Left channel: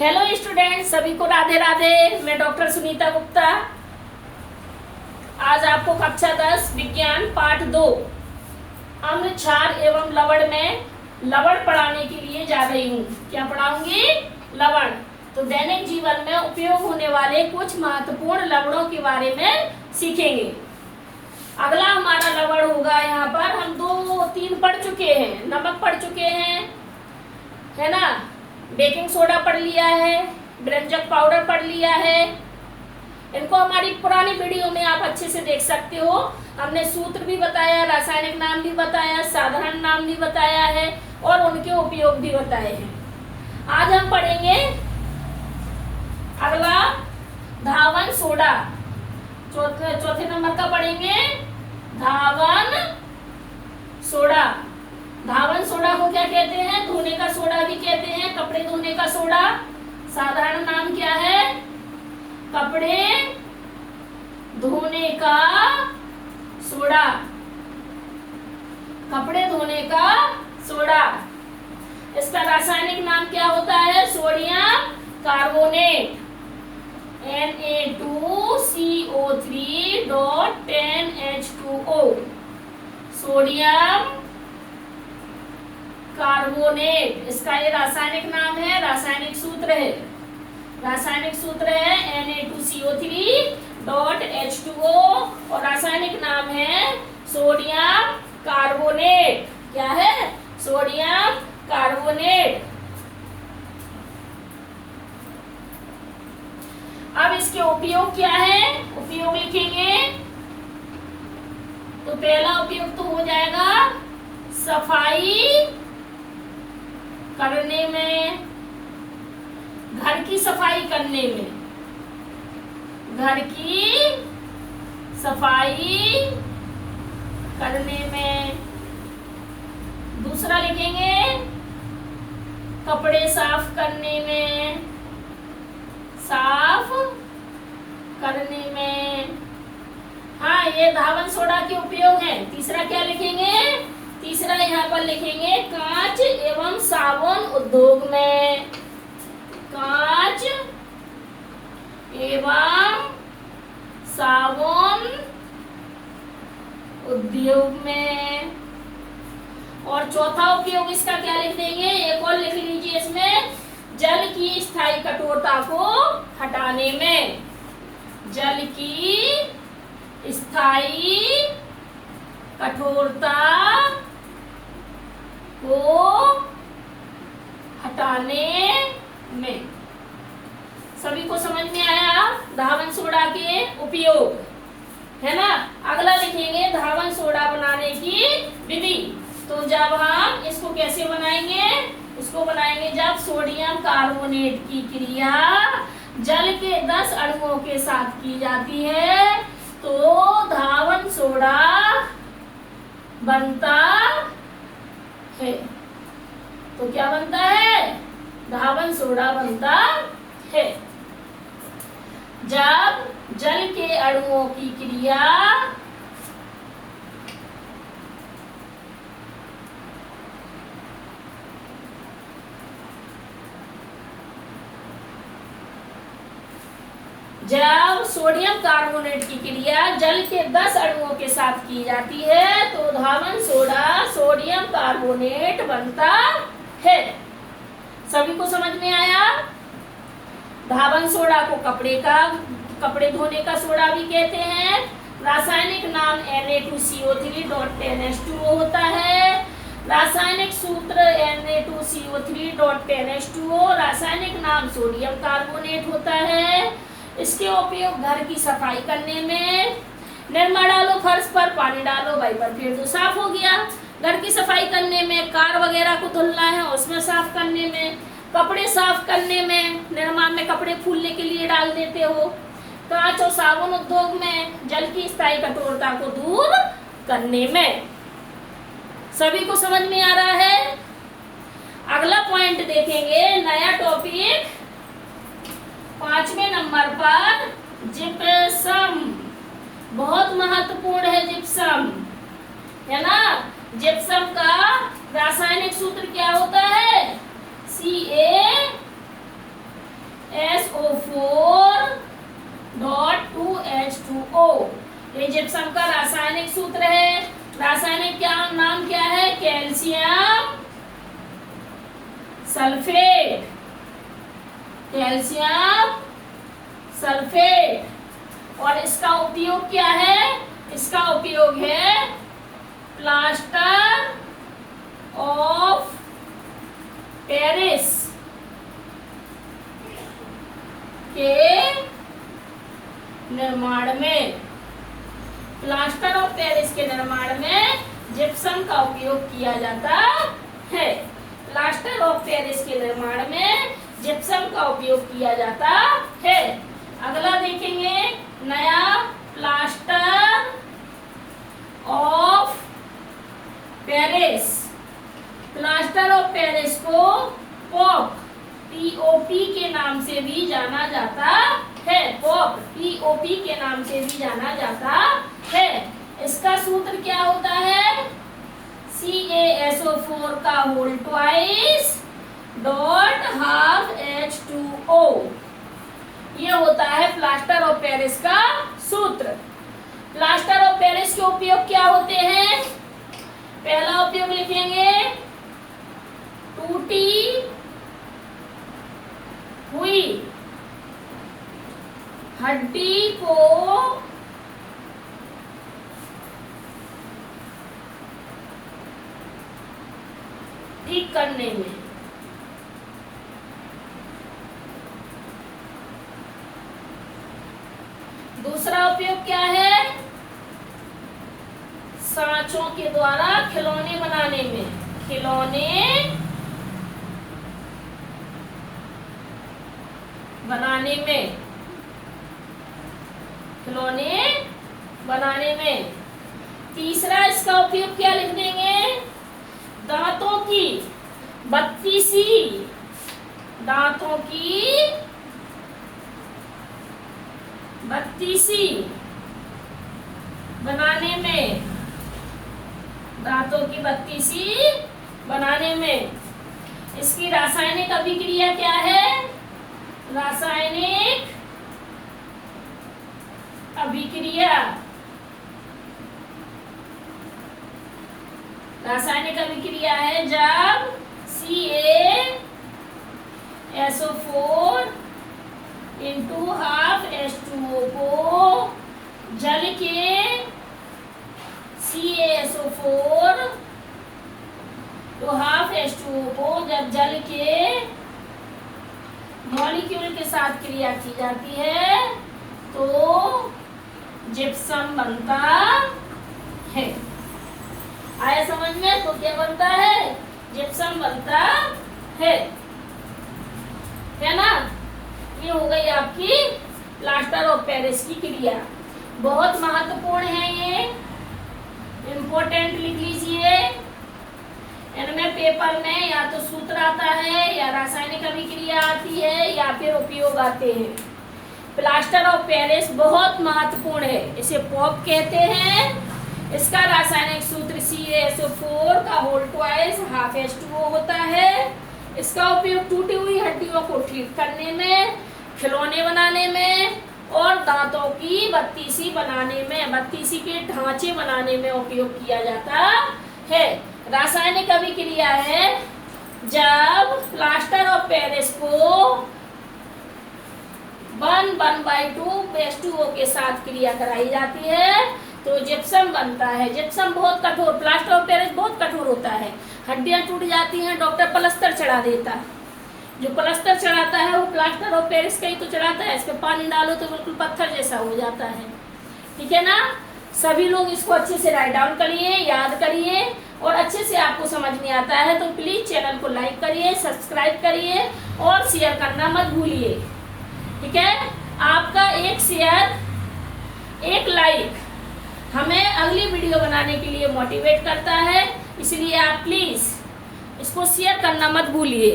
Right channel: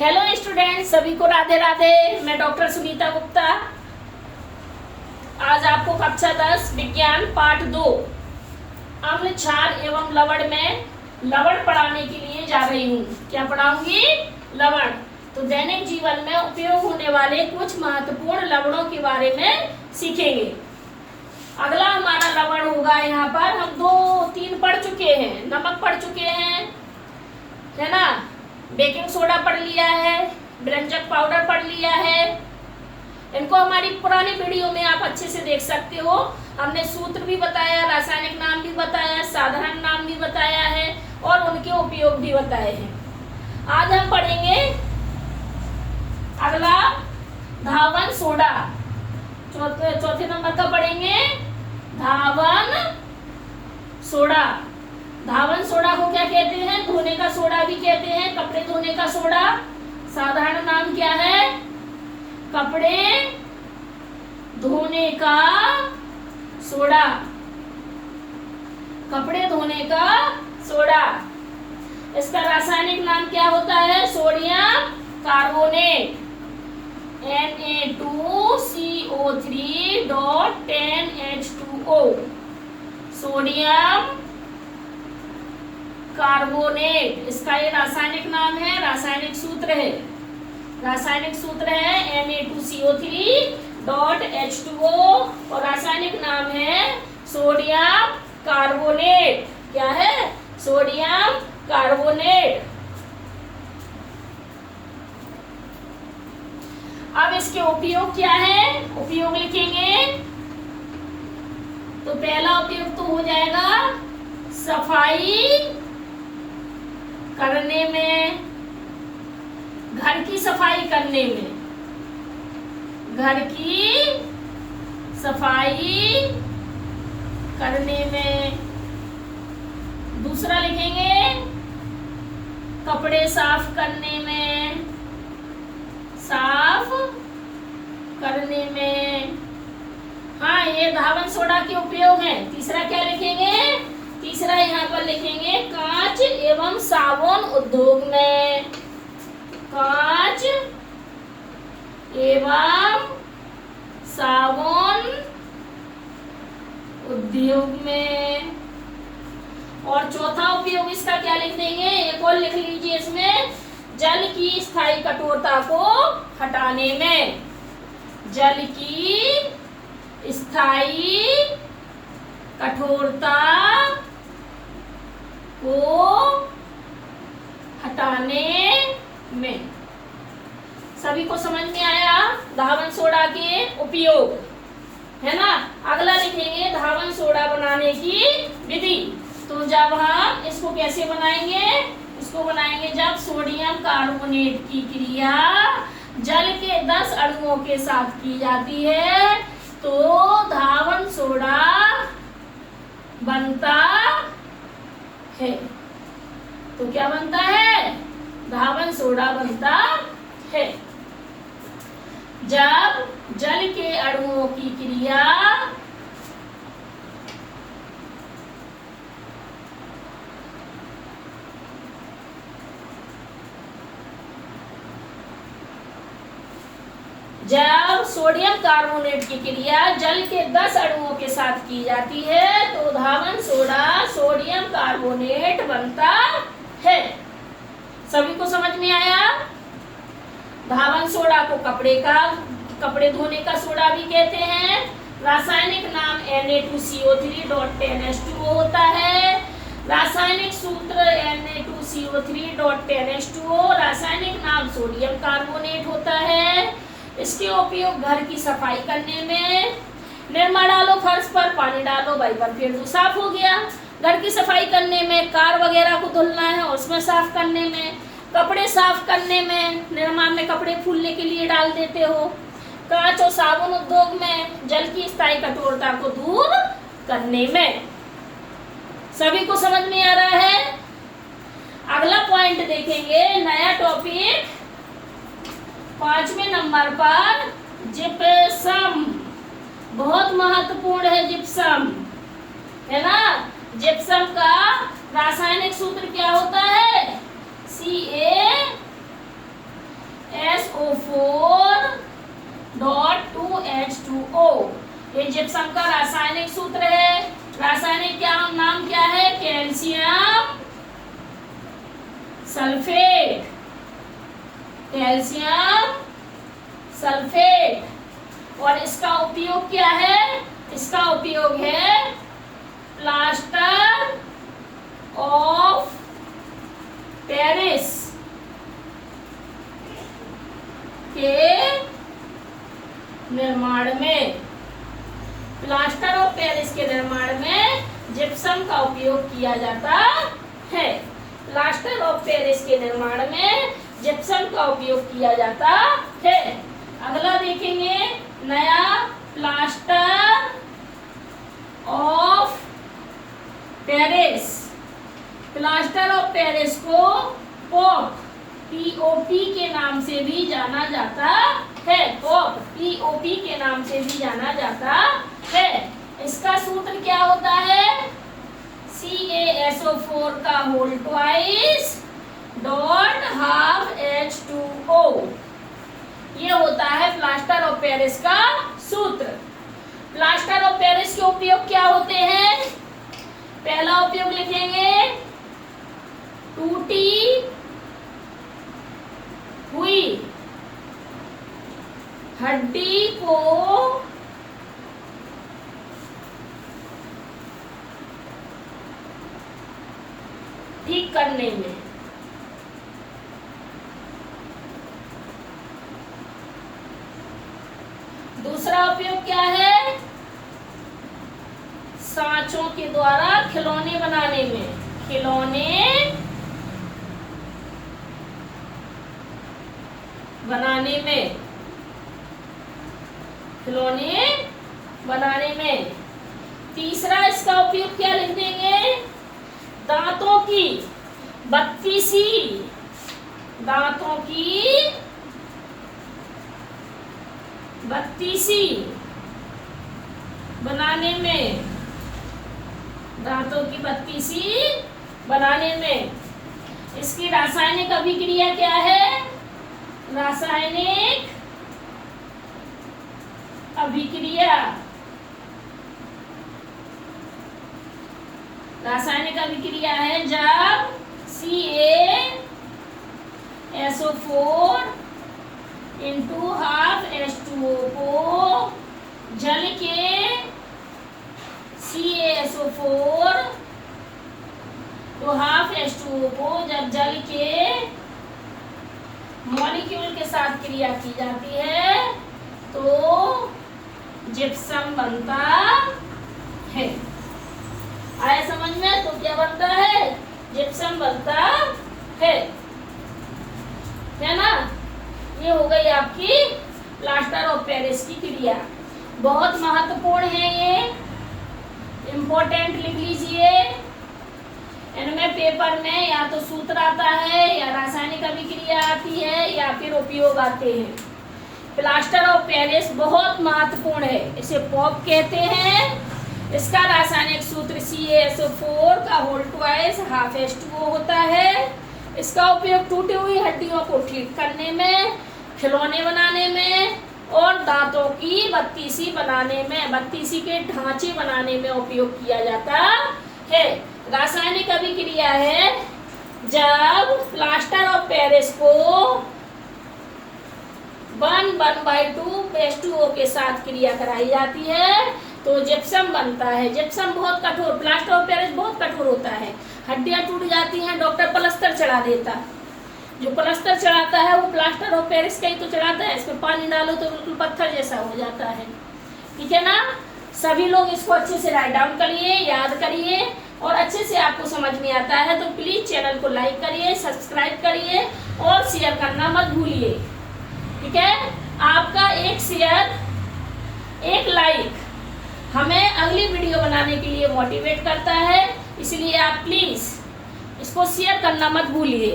Hello student, सभी को राधे राधे। मैं डॉक्टर सुनीता गुप्ता आज आपको कक्षा 10 विज्ञान पाठ 2 अम्ल क्षार एवं लवण में लवण पढ़ाने के लिए जा रही हूँ। क्या पढ़ाऊंगी? लवण। तो दैनिक जीवन में उपयोग होने वाले कुछ महत्वपूर्ण लवणों के बारे में सीखेंगे। अगला हमारा लवण होगा, यहाँ पर हम 2-3 पढ़ चुके हैं। नमक पढ़ चुके हैं, है ना, बेकिंग सोडा पढ़ लिया है, व्यंजक पाउडर पढ़ लिया है। इनको हमारी पुरानी वीडियो में आप अच्छे से देख सकते हो। हमने सूत्र भी बताया, रासायनिक नाम भी बताया, साधारण नाम भी बताया है और उनके उपयोग भी बताए हैं। आज हम पढ़ेंगे अगला धावन सोडा। चौथे नंबर का पढ़ेंगे धावन सोडा। धावन सोडा को क्या कहते हैं? धोने का सोडा भी कहते हैं, कपड़े धोने का सोडा। साधारण नाम क्या है? कपड़े धोने का सोडा। कपड़े धोने का सोडा। इसका रासायनिक नाम क्या होता है? Sodium carbonate, Na2CO3.10H2O। Sodium carbonate इसका ये रासायनिक नाम है, रासायनिक सूत्र है। रासायनिक सूत्र है Na2CO3.H2O और रासायनिक नाम है सोडियम कार्बोनेट। क्या है? Sodium carbonate. अब इसके उपयोग क्या है? उपयोग लिखेंगे तो पहला उपयोग तो हो जाएगा सफाई करने में, घर की सफाई करने में, घर की सफाई करने में। दूसरा लिखेंगे कपड़े साफ करने में, साफ करने में। हाँ, ये धावन सोडा के उपयोग हैं। तीसरा क्या लिखेंगे? तीसरा यहाँ पर लिखेंगे कांच एवं साबुन उद्योग में, कांच एवं साबुन उद्योग में। और चौथा उपयोग इसका क्या लिख देंगे? एक और लिख लीजिए इसमें, जल की स्थायी कठोरता को हटाने में। जल की स्थायी कठोरता को हटाने में। सभी को समझ में आया धावन सोडा के उपयोग, है ना? अगला लिखेंगे धावन सोडा बनाने की विधि। तो जब हम इसको कैसे बनाएंगे? इसको बनाएंगे जब सोडियम कार्बोनेट की क्रिया जल के 10 अणुओं के साथ की जाती है तो धावन सोडा बनता है। तो क्या बनता है? धावन सोडा बनता है। जब जल के अणुओं की क्रिया जब सोडियम कार्बोनेट की क्रिया जल के 10 अणुओं के साथ की जाती है तो धावन सोडा सोडियम कार्बोनेट बनता है। सभी को समझ में आया? धावन सोडा को कपड़े धोने का सोडा भी कहते हैं। रासायनिक नाम Na2CO3.10H2O होता है। रासायनिक सूत्र Na2CO3.10H2O। रासायनिक नाम सोडियम कार्बोनेट होता है। इसके उपयोग घर की सफाई करने में, निरमा डालो फर्श पर, पानी डालो वाइपर फिर तो साफ हो गया। घर की सफाई करने में, कार वगैरह को धुलना है उसमें साफ करने में, कपड़े साफ करने में, निरमा में कपड़े फूलने के लिए डाल देते हो, कांच और साबुन उद्योग में जल की स्थायी कठोरता को दूर करने में। सभी को समझ में आ रहा है? अगला पॉइंट देखेंगे, नया टॉपिक 5वें नंबर पर जिप्सम। बहुत महत्वपूर्ण है जिप्सम, है ना? जिप्सम का रासायनिक सूत्र क्या होता है? ये जिप्सम का रासायनिक सूत्र है। रासायनिक नाम क्या है? Calcium sulphate. Calcium sulphate. और इसका उपयोग क्या है? इसका उपयोग है प्लास्टर ऑफ पेरिस के निर्माण में। प्लास्टर ऑफ पेरिस के निर्माण में जिप्सम का उपयोग किया जाता है। प्लास्टर ऑफ पेरिस के निर्माण में जिप्सम का उपयोग किया जाता है। अगला देखेंगे, नया plaster of Paris. Plaster of Paris को पॉप POP के नाम से भी जाना जाता है। पॉप POP के नाम से भी जाना जाता है। इसका सूत्र क्या होता है? CaSO4 का whole twice dot half H2O। ये होता है प्लास्टर ऑफ पेरिस का सूत्र। प्लास्टर ऑफ पेरिस के उपयोग क्या होते हैं? पहला उपयोग लिखेंगे, टूटी हुई हड्डी को ठीक करने में। दूसरा उपयोग क्या है? सांचों के द्वारा खिलौने बनाने में। खिलौने बनाने में। खिलौने बनाने में। तीसरा इसका उपयोग क्या लिख देंगे? दांतों की बत्तीसी। दांतों की बत्तीसी बनाने में। दांतों की बत्तीसी बनाने में। इसकी रासायनिक अभिक्रिया क्या है? रासायनिक अभिक्रिया। रासायनिक अभिक्रिया है जब CaSO4 इंटू हाफ H2O को जल के CaSO4 तो हाफ H2O को जब जल के मॉलिक्यूल के साथ क्रिया की जाती है तो जिप्सम बनता है। आया समझ में? तो क्या बनता है? जिप्सम बनता है ना। ये हो गई आपकी प्लास्टर ऑफ पेरिस की क्रिया। बहुत महत्वपूर्ण है ये, इम्पोर्टेंट लिख लीजिए। इनमें पेपर में या तो सूत्र आता है या रासायनिक अभिक्रिया आती है या फिर उपयोग आते हैं। प्लास्टर ऑफ पेरिस बहुत महत्वपूर्ण है। इसे पॉप कहते हैं। इसका रासायनिक सूत्र CaSO4 का होल ट्वाइस हाफ H2O होता है। इसका उपयोग टूटी हुई हड्डियों को ठीक करने में, खिलौने बनाने में और दांतों की बत्तीसी बनाने में, बत्तीसी के ढांचे बनाने में उपयोग किया जाता है। रासायनिक अभिक्रिया है जब प्लास्टर ऑफ पेरिस को 1/2 H2O के साथ क्रिया कराई जाती है तो जिप्सम बनता है। जिप्सम बहुत कठोर, प्लास्टर ऑफ पेरिस बहुत कठोर होता है। हड्डियां टूट जाती हैं, डॉक्टर प्लास्टर चढ़ा देता। जो प्लास्टर चढ़ाता है वो प्लास्टर ऑफ पेरिस का ही तो चढ़ाता है। इसमें पानी डालो तो बिल्कुल पत्थर जैसा हो जाता है। ठीक है ना। सभी लोग इसको अच्छे से राइट डाउन करिए, याद करिए और अच्छे से आपको समझ में आता है तो प्लीज चैनल को लाइक करिए, सब्सक्राइब करिए और शेयर करना मत भूलिए। ठीक है। आपका एक शेयर, एक लाइक हमें अगली वीडियो बनाने के लिए मोटिवेट करता है, इसलिए आप प्लीज इसको शेयर करना मत भूलिए।